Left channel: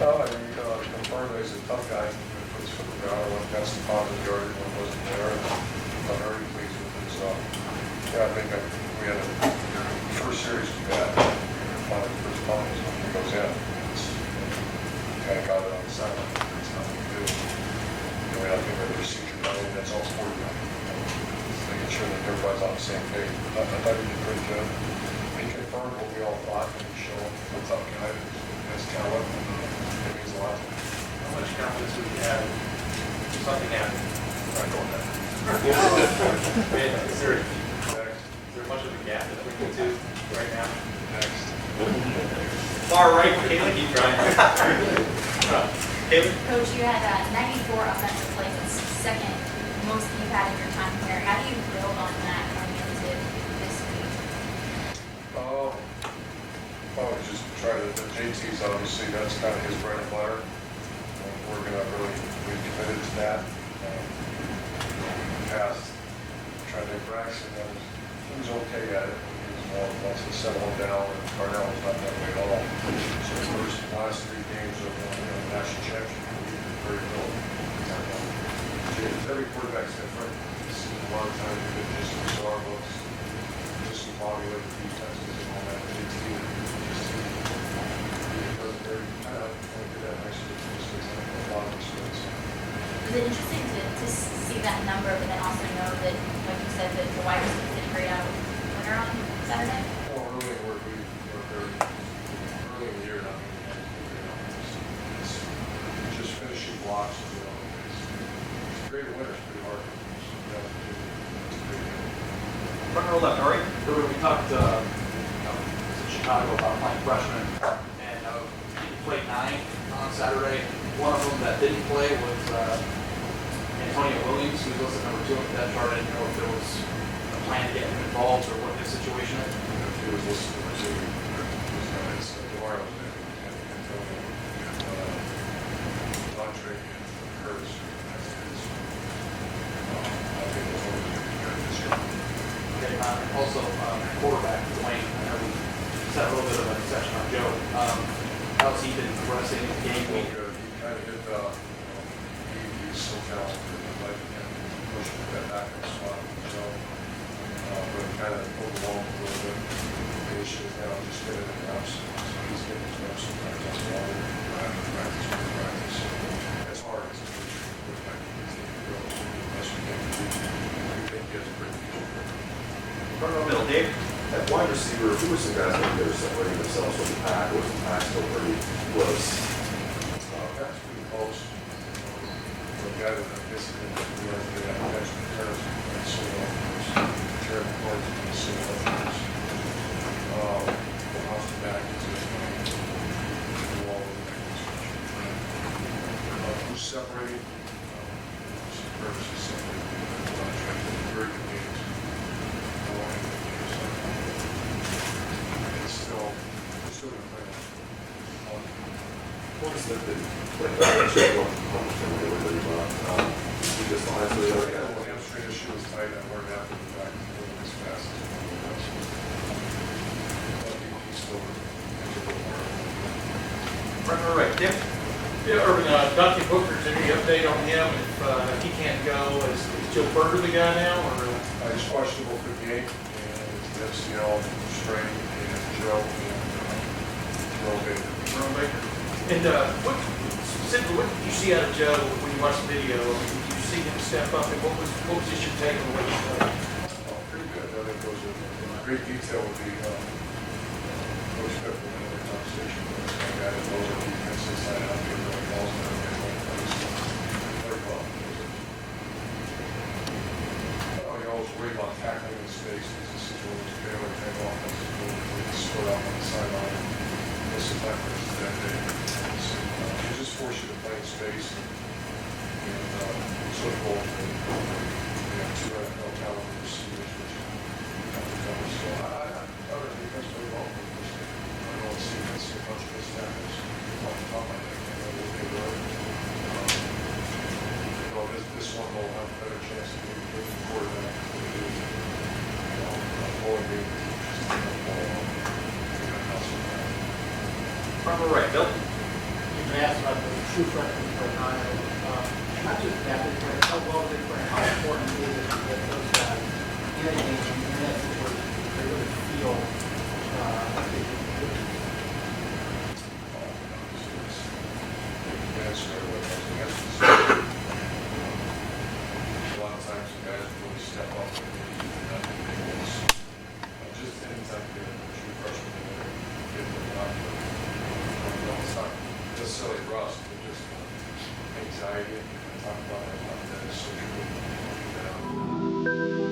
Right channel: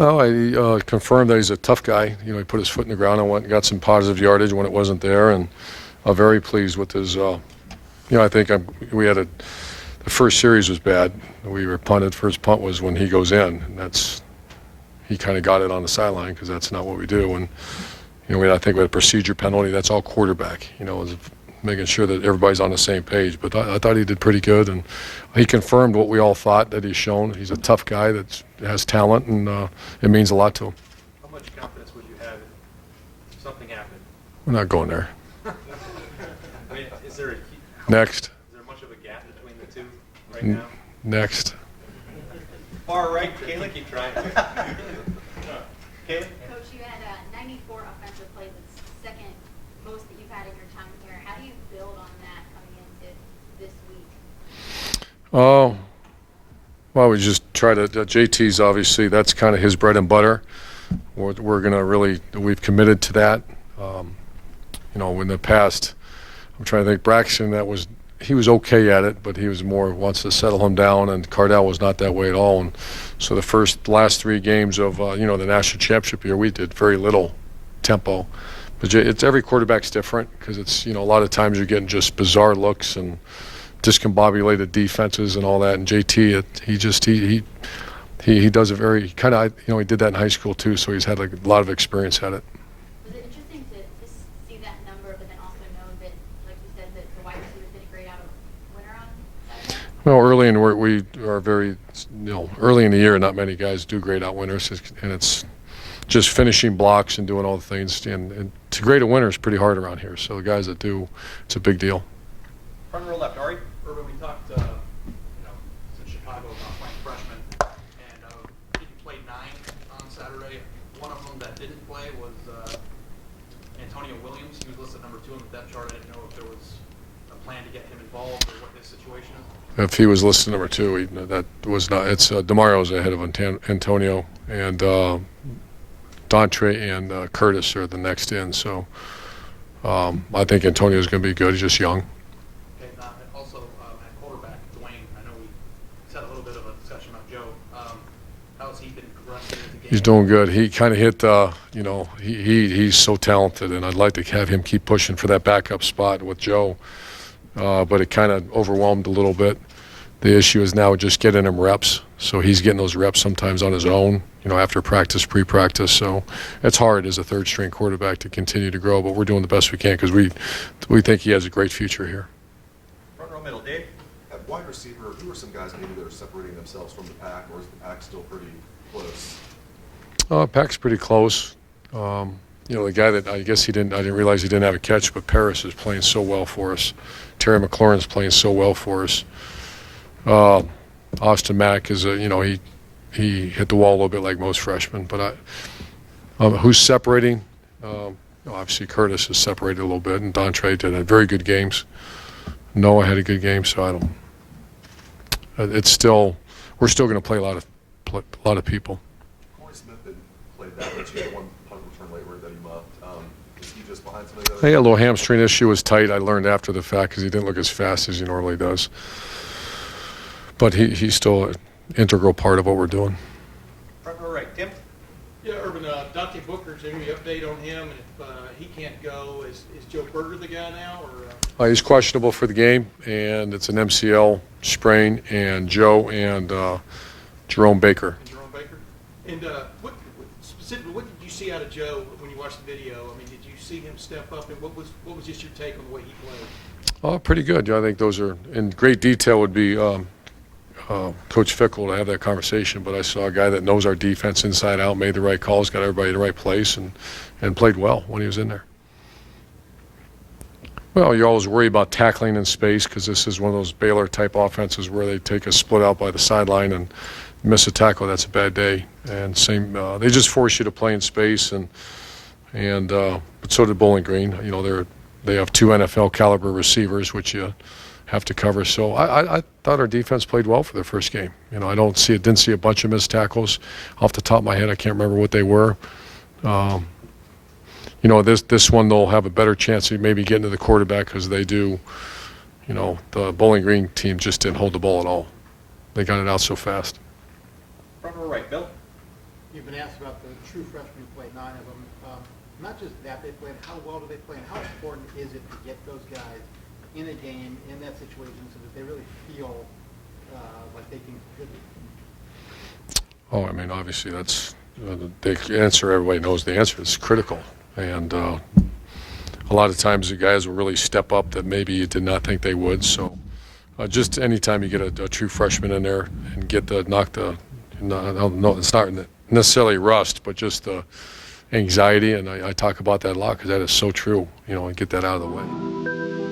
Well, I confirmed that he's a tough guy. You know, he put his foot in the ground and got some positive yardage when it wasn't there, and I'm very pleased with his. You know, I think we had the first series was bad. We were punted. First punt was when he goes in. He kind of got it on the sideline because that's not what we do. And you know, I think with a procedure penalty, that's all quarterback. You know, and making sure that everybody's on the same page. But I thought he did pretty good, and he confirmed what we all thought that he's shown. He's a tough guy that has talent, and it means a lot to him. How much confidence would you have if something happened? I'm not going there. Is there Next. much of a gap between the two right now? Next. Far right, Caleb, keep trying. Caleb? Coach, you had 94 offensive plays. It's second most you've had in your time here. How do you build on that coming into this week? Oh, well, we just try to. JT's obviously that's kind of his bread and butter. We're going to really. We've committed to that. You know, in the past, I'm trying to think. Braxton, he was okay at it, but he was more wants to settle him down, and Cardell was not that way at all. And so the last 3 games of you know, the national championship year, we did very little tempo. It's every quarterback's different because it's, you know, a lot of times you're getting just bizarre looks and discombobulated defenses and all that. And JT, he does a very kind of, you know, he did that in high school too, so he's had like a lot of experience at it. Was it interesting to see that number, but then also know that, like you said, that the wide receivers didn't grade out winner on Saturday? Well, early in we are very, you know, early in the year, not many guys do grade out winners, and it's just finishing blocks and doing all the things. And to grade a winner is pretty hard around here. So the guys that do, it's a big deal. Front row left, Ari. Remember we talked in Chicago about my freshman, and he played 9 on Saturday. One of them that didn't play was Antonio Williams, who was listed number 2 on the depth chart. I didn't know if there was a plan to get him involved or what his situation is. If he was listed number 2, that was not. It's DeMario's ahead of Antonio, and Dontre and Curtis are the next in. So I think Antonio's going to be good. He's just young. Also, quarterback, Dwayne. I know we set a little bit of a session on Joe. How's he been progressing? He's doing good. He kind of hit, you know, he's so talented, and I'd like to have him keep pushing for that backup spot with Joe. But it kind of overwhelmed a little bit. The issue is now just getting him reps. So he's getting those reps sometimes on his own, you know, after practice, pre-practice. So it's hard as a third-string quarterback to continue to grow, but we're doing the best we can because we think he has a great future here. Middle, Dave. At wide receiver, who were some guys that are separating themselves from the pack? Or was the pack still pretty close? Pack's pretty close. You know, the guy that I didn't realize he didn't have a catch, but Paris is playing so well for us. Terry McLaurin's playing so well for us. Austin Mack is you know, he hit the wall a little bit like most freshmen. But who's separating? Obviously Curtis is separated a little bit, and Dontre did very good games. Noah had a good game, so I don't. It's still, we're still going to play a lot of people. He had a little hamstring issue. Was tight. I learned after the fact because he didn't look as fast as he normally does. But he's still an integral part of what we're doing. All right, Tim. Yeah, Irvin, Dante Booker's any update on him? If he can't go, is Joe Booker the guy now? Or? He's questionable for the game, and it's an MCL sprain, and Joe and Jerome Baker. Jerome Baker. And specifically, what did you see out of Joe when you watched the video? Did you see him step up, and what was just your take on the way he played? Oh, pretty good. I think those are in great detail would be Coach Fickle to have that conversation, but I saw a guy that knows our defense inside out, made the right calls, got everybody in the right place, and played well when he was in there. Well, you always worry about tackling in space because this is one of those Baylor-type offenses where they take a split out by the sideline and miss a tackle. That's a bad day. And they just force you to play in space, and so did Bowling Green. You know, they have 2 NFL caliber receivers, which you have to cover. So I thought our defense played well for their first game. You know, I didn't see a bunch of missed tackles. Off the top of my head, I can't remember what they were. You know, this one they'll have a better chance of maybe getting to the quarterback because they do. You know, the Bowling Green team just didn't hold the ball at all. They got it out so fast. All right, Bill. You've been asked about the true freshmen playing Iowa. Not just that, they play, how well they play, how important is it to get those guys in a game, in that situation, they really feel like they can do it. Oh, I mean, obviously, that's the answer. Everybody knows the answer is critical. And a lot of times the guys will really step up that maybe you did not think they would. So just anytime you get a true freshman in there and get the knock the, no, it's not necessarily rust, but just the anxiety. And I talk about that a lot because that is so true, you know, and get that out of the way.